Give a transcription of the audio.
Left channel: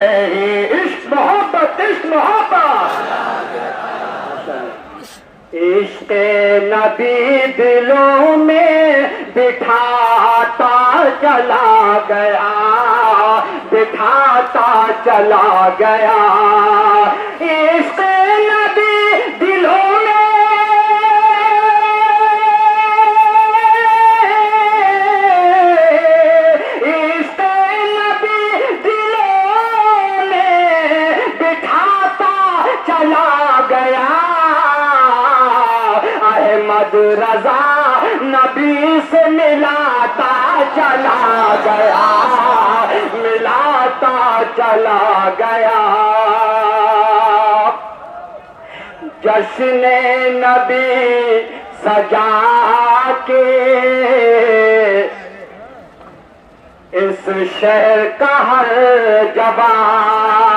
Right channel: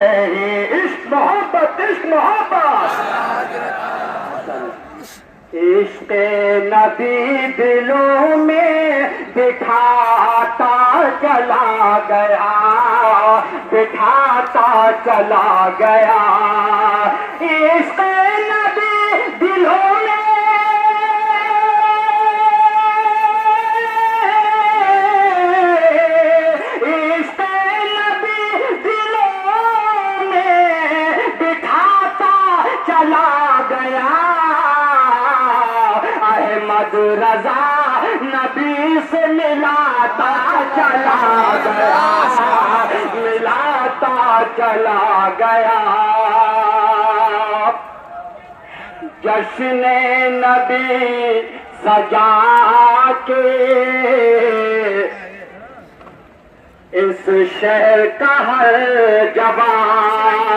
عشق محبت عشق محبت عشق نبی دلوں میں بٹھاتا چلا گیا بٹھاتا چلا گیا عشق نبی دلوں میں عشق نبی دلوں میں بٹھاتا چلا گیا احمد رضا نبی سے ملاتا چلا گیا ملاتا چلا گیا جشن نبی سجا کے اس شہر کا ہر جوان